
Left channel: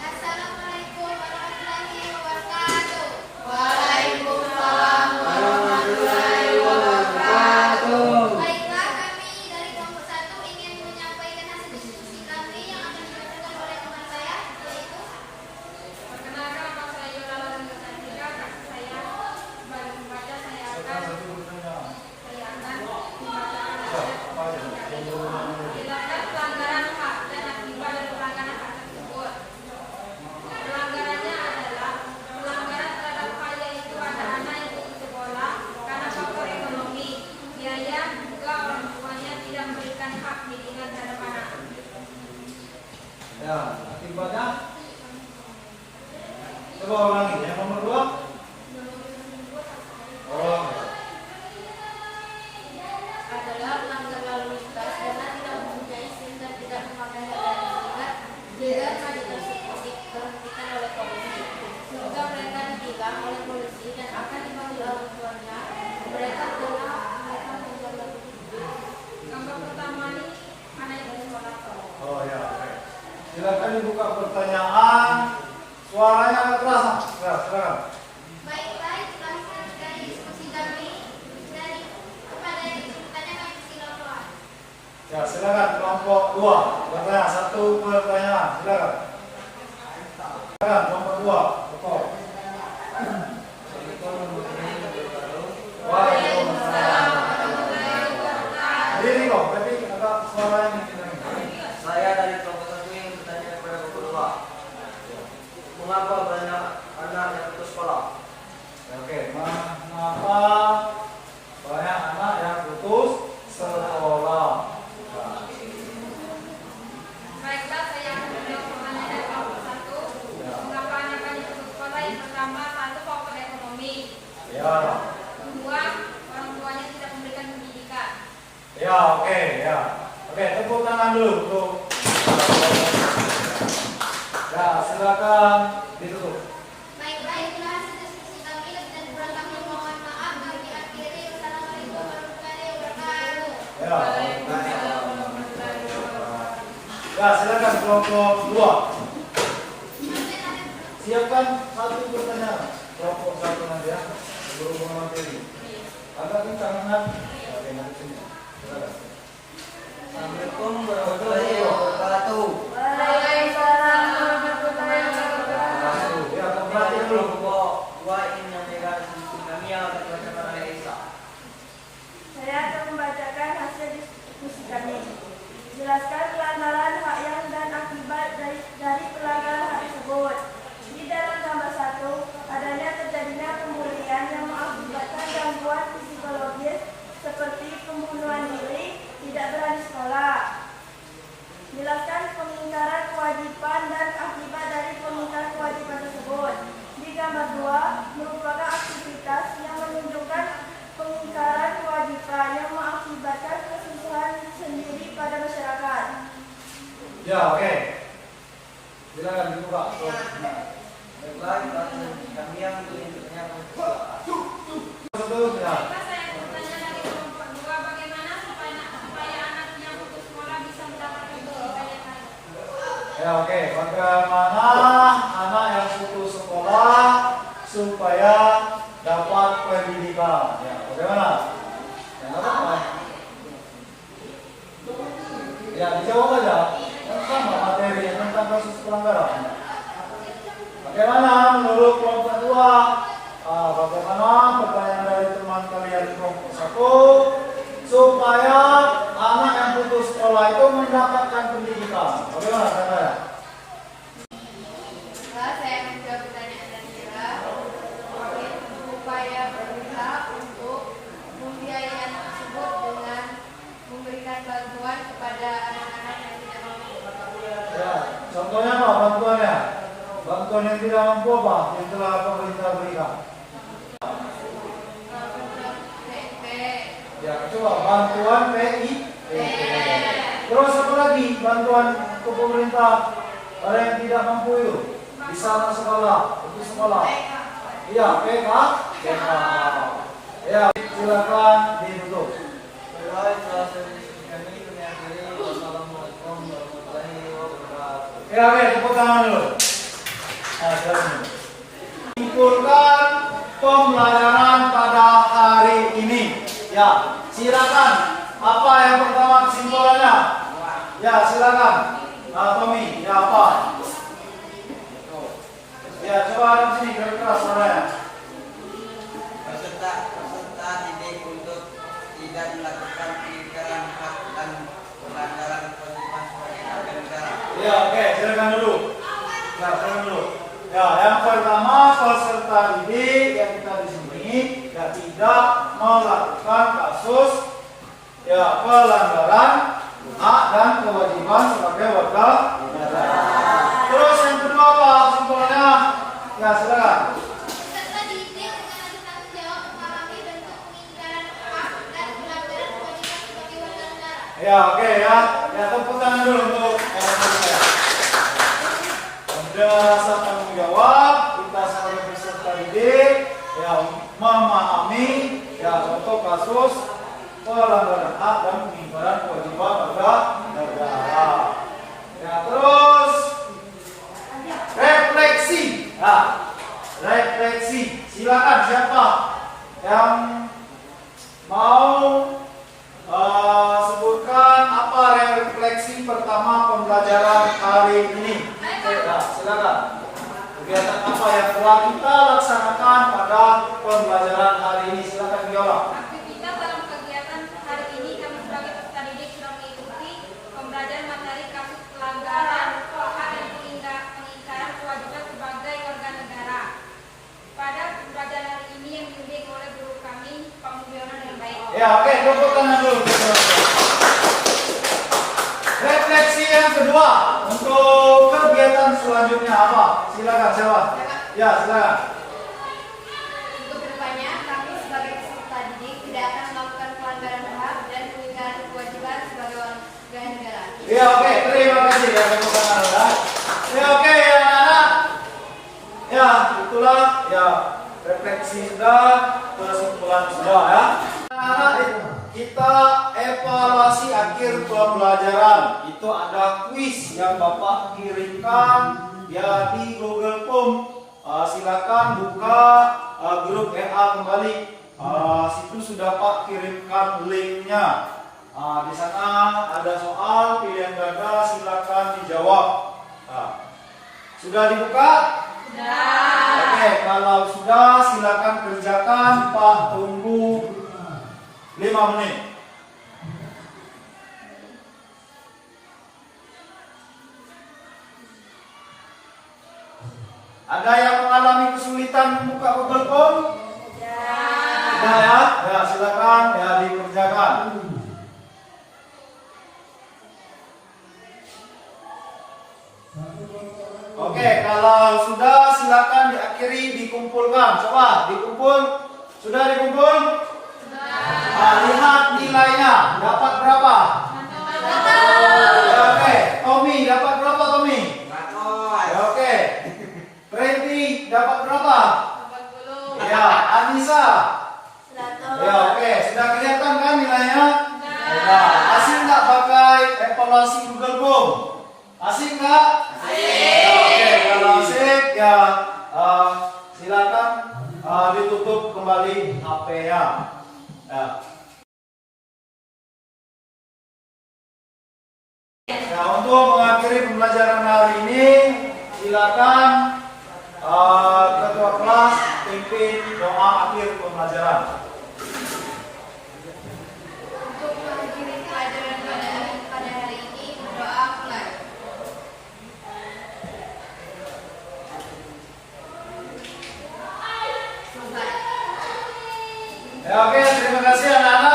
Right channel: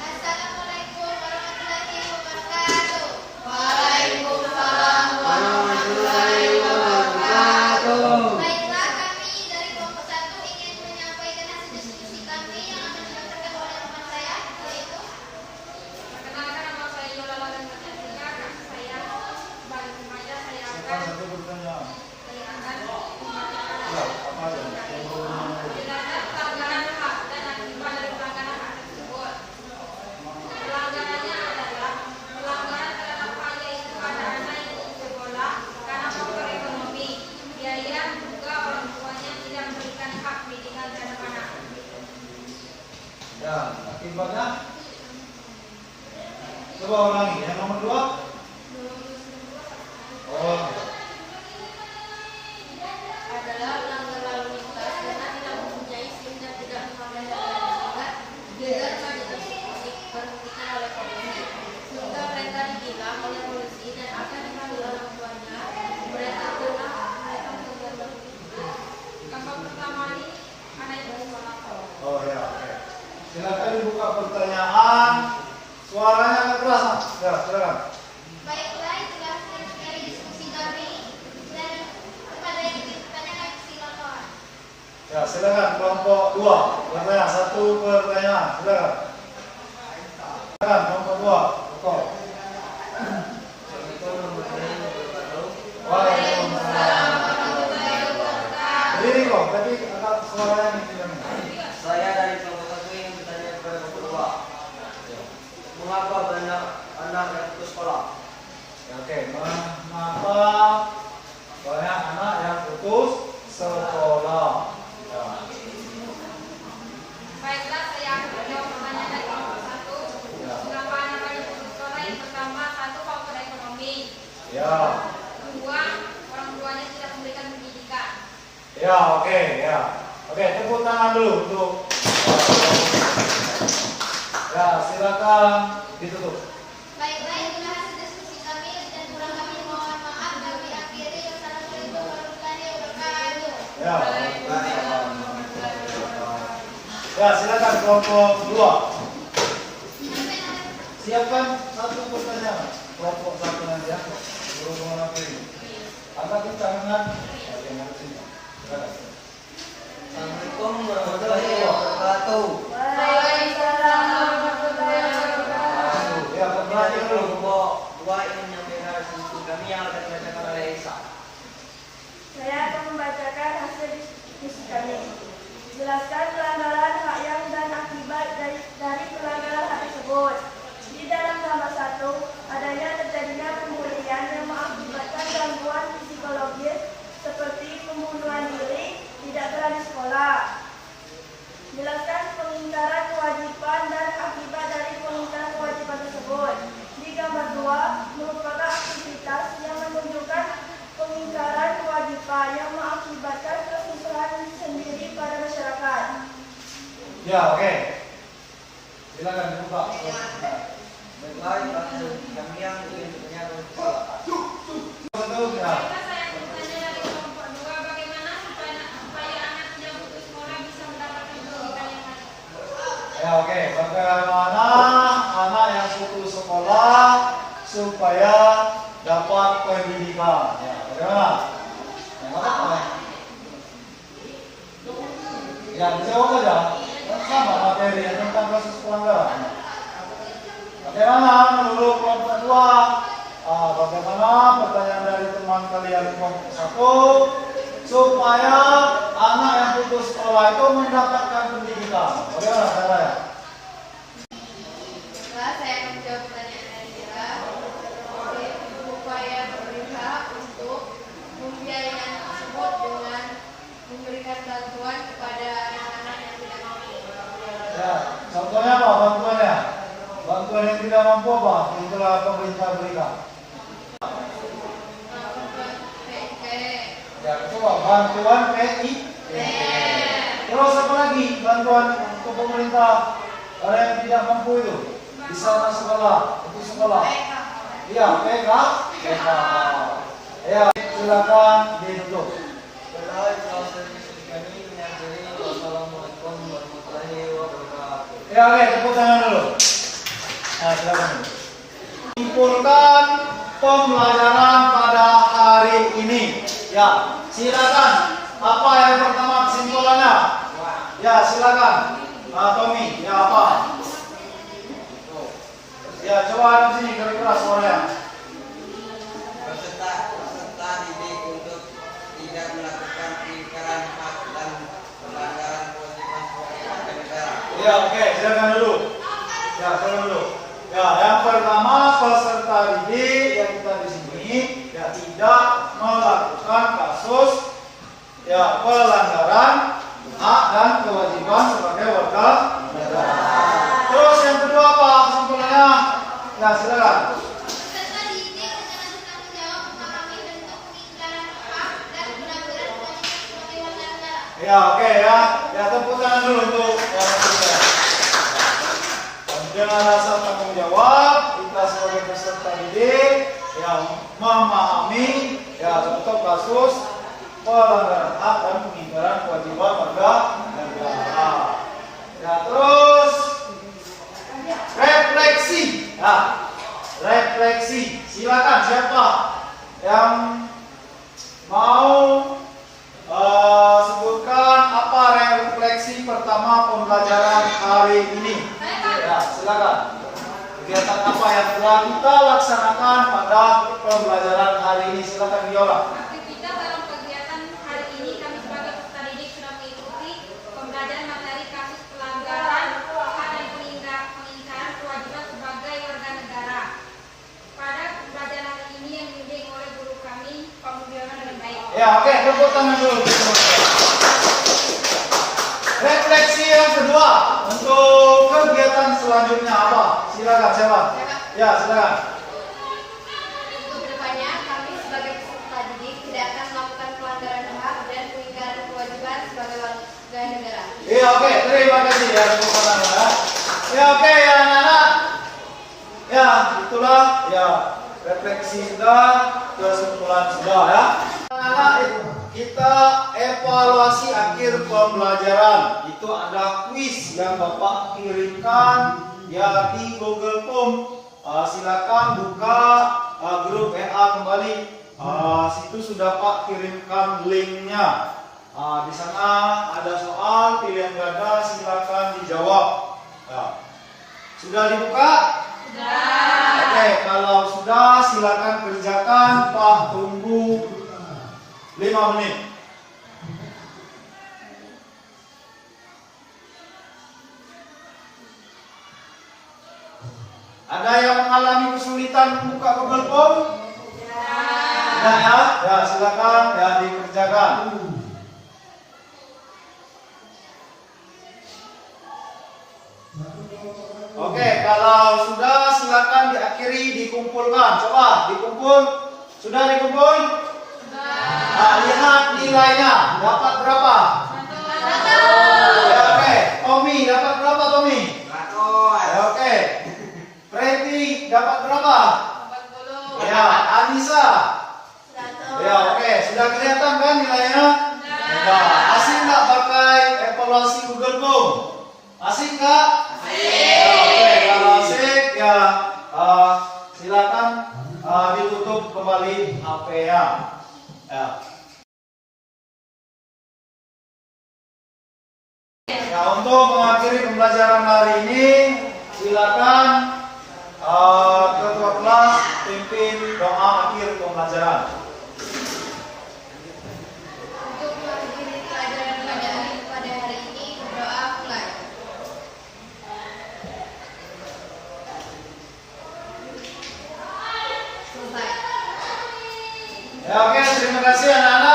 Assalamualaikum warahmatullahi wabarakatuh. Waalaikumsalam warahmatullahi wabarakatuh. Baiklah, kami dari kelompok 1 ingin menyampaikan hasil diskusi kami yang akan dibacakan oleh teman saya, yaitu Perkenalkan, nama saya Yola dan Katarina. Kakak saya sebagai pembaca saya akan membacakan jelaskan pelanggaran hak dan akibat dari pelanggaran hak tersebut. Ya, akibatnya coba ulangi. Yang nomor 2. Oh. adalah pelanggar lalu lintas karena tidak mempunyai SIM dan tidak memakai harga hingga remaja tersebut diberhentikan oleh polisi. Sehingga mereka ditilang oleh polisi dan akan dipanggil orang tuanya. Mereka pernah mereka tinggal lalu lintas. Gambar pertama ini anak itu sekolah. Oh ya. Silakan dibuka pertanyaan. Suaranya nggak terasa. Ya, silakan. Baiklah, itulah sekali diskusi kami. Dan kepada yang ingin bertanya kami silakan. Ya, silakan kelompok 2. Bertanya 1 pertanyaan. Silakan. Silakan kelompok 2. Pokok. Waalaikumsalam. Berdiri kok, tapi agak suaranya nih. Saya dari kelompok 1 ingin bertanya kepada kelompok 2. Mengapa banyak anak yang putus sekolah? Oke, mengapa banyak anak yang putus sekolah? Ya. Baiklah, saya akan menjawab pertanyaan dari kelompok 1. Mengapa anak banyak putus sekolah? Yang pertama, 1 faktor ekonomi. Ya. 2, orang tuanya tidak memberikan pendidikan. Ya, oke, ya. Oke, tepuk tangan dulu untuk ya, silakan ditutup. Baiklah, itulah hasil diskusi kami dan kurang kami mohon maaf. Kami akhiri. Wassalamualaikum warahmatullahi wabarakatuh. Ya. Ya, silakan kelompok 2. Siapkan 1 pertanyaan. Kelompok 1 nanti ya. Berhubungan materi. Agak kencang kan? Oke, nanti sini. Silakan. Assalamualaikum warahmatullahi wabarakatuh. Waalaikumsalam warahmatullahi wabarakatuh. Ya, Dari perhatikan dulu. kelompok 2 ingin menyampaikan hasil diskusi kami yang akan dibacakan oleh Isa. Saya akan membacakan hasil diskusi kami. Jelaskan pelanggaran hak yang dan akibat dari pelanggaran hak tersebut. Di dalam gambar 1, adanya terjadinya pembulian yang mengakibatkan gangguan psikologis seperti pembunuhan diri, tidak berani sekolah. Jelaskan pengingkaran kewajiban dan akibat dari pengingkaran kewajiban tersebut. Di gambar 2 merupakan aktivitas yang menunjukkan pengingkaran kewajiban yang mengakibatkan kesusahan sendiri pada masyarakat. Ya, oke. Silakan dibuka. Baiklah, kami yang ingin bertanya kepada Satu, ya. Baiklah, saya akan bertanya dari kelompok 2. Bagaimana supaya anak yang putus sekolah bisa mendapatkan pendidikan yang baik? Ya, oke. Bagaimana anak yang putus sekolah supaya dapat pendidikan? Ya, bagaimana? Ya, nggak apa-apa. Ya, dijawab aja. Kan sama materi tentang kasus pelanggaran. Bagaimana menurut kelompok 2? Bagaimana pertanyaan dari teman kalian kelompok 1 supaya anak yang putus sekolah itu mendapatkan pendidikan? Bagaimana caranya? Setelah saya akan menjawab pertanyaan dari Mira, upaya pemerintah untuk membiayai anak tersebut dengan memberikan bantuan kepada anak-anak yang tidak mampu. Ya, contohnya apa bantuannya? Bantuan yang tidak mampu apa yang telah pemerintah berikan? PNP, Ya, coba bantuan PI. Terus apa lagi bantuan ke pemerintah ada yang tidak mampu itu? Bisa anak sekolah, putus sekolah. Iya, PK. Ya, silakan ditutup. Baiklah, itulah hasil diskusi kami mengakhiri. Wassalamualaikum warahmatullahi wabarakatuh. Ya, oke, tepuk tangan dulu. Nah, silakan. Simpulkan pembelajaran pada hari ini. Ya, silakan. Apa yang pertama kesimpulannya? Ya, silakan. Tommy, ya apa? Ya, coba ada di sini keras suaranya. Peserta didik untuk tidak melakukan pengingkaran hak dan pelanggaran kewajiban sebagai warga negara. Ya, oke, silakan dulu. Ya, silakan dulu. Ya, yang pertama peserta didik yang kita di sini ya tidak melakukan kasus ya pelanggaran hak dan kewajiban sebagai warga negara. Ya, silakan. Peserta didik dengan tanggung jawab memahami bentuk pengingkaran hak dan pelanggaran kewajiban sebagai warga negara. Ya, oke ya. Ya, tepuk tangan dulu untuk yang ketiga. Dengan rasa tanggung jawab, kita sebagai peserta didik yang memahami ya contoh kasus pelanggaran hak dan pengingkaran kewajiban warga negara. Ya, terus refleksi. Ya, refleksi. Silakan siapa yang mau sebutkan apa refleksi pertama pembelajaran hari ini. Ya, silakan. Kegiatan apa yang telah kita laksanakan pada pembelajaran hari ini? Silakan dijawab. Aktivitas dalam kegiatan hari ini kami sebagai peserta didik sudah mengikuti pembelajaran materi kasus pelanggaran hak dan pengingkaran kewajiban sebagai warga negara. Pada pembelajaran hari ini yang dibimbing oleh guru kami, Pak Mudiono dan Baik. Ya, oke, tepuk tangan dulu. Refleksi yang kedua untuk kegiatan selanjutnya apa? Silakan siapa? Ya, silakan. Untuk kedepannya, kami sebagai peserta didik tidak akan melakukan pelanggaran hak dan pengingkaran kewajiban sebagai warga negara. Ya, oke, terima kasih ya tepuk tangan ya. Ya, oke ya anak-anak. Ya, itulah ya refleksi sudah, kesimpulan sudah ya. Anak-anak, kita evaluasi akhir pembelajaran. Itu ada kuis yang Bapak kirimkan ya di Google Form. Silakan buka grup WA kembali. Situ sudah Pak kirimkan linknya. Di sana ada soal pilihan ganda, silakan dijawab. Sudah dibuka? Sudah. Oke, kalau sudah silakan kerjakan. Pak tunggu 5 menit. Ada yang mengalami kesulitan buka Google Form? Tidak ya? Ya, silakan ya dikerjakan. Oke, kalau sudah silakan diakhiri dikumpulkan. Coba dikumpul. Sudah dikumpul? Lihat nilainya. Dapat berapa? Ya, oke. Tommy dapat berapa, Tommy? 100. Ya, oke. Preti dapat berapa? 40. Ya, Anissa. 100. Ya, oke. Sudah kelihatan kan nilainya? Sudah. Asik nggak pakai evaluasi Google Form? Asik nggak? Ya, oke. Kalau asik ya silakan ditutup kembali HP-nya. Ya. Ya, untuk mengakhiri pembelajaran hari ini, silakan ketua kelas pimpin doa akhir pembelajaran. Untuk mengakhiri pelajaran pada hari ini, berdoa mulai. Selesai. Ya, oke, terima kasih anak-anak.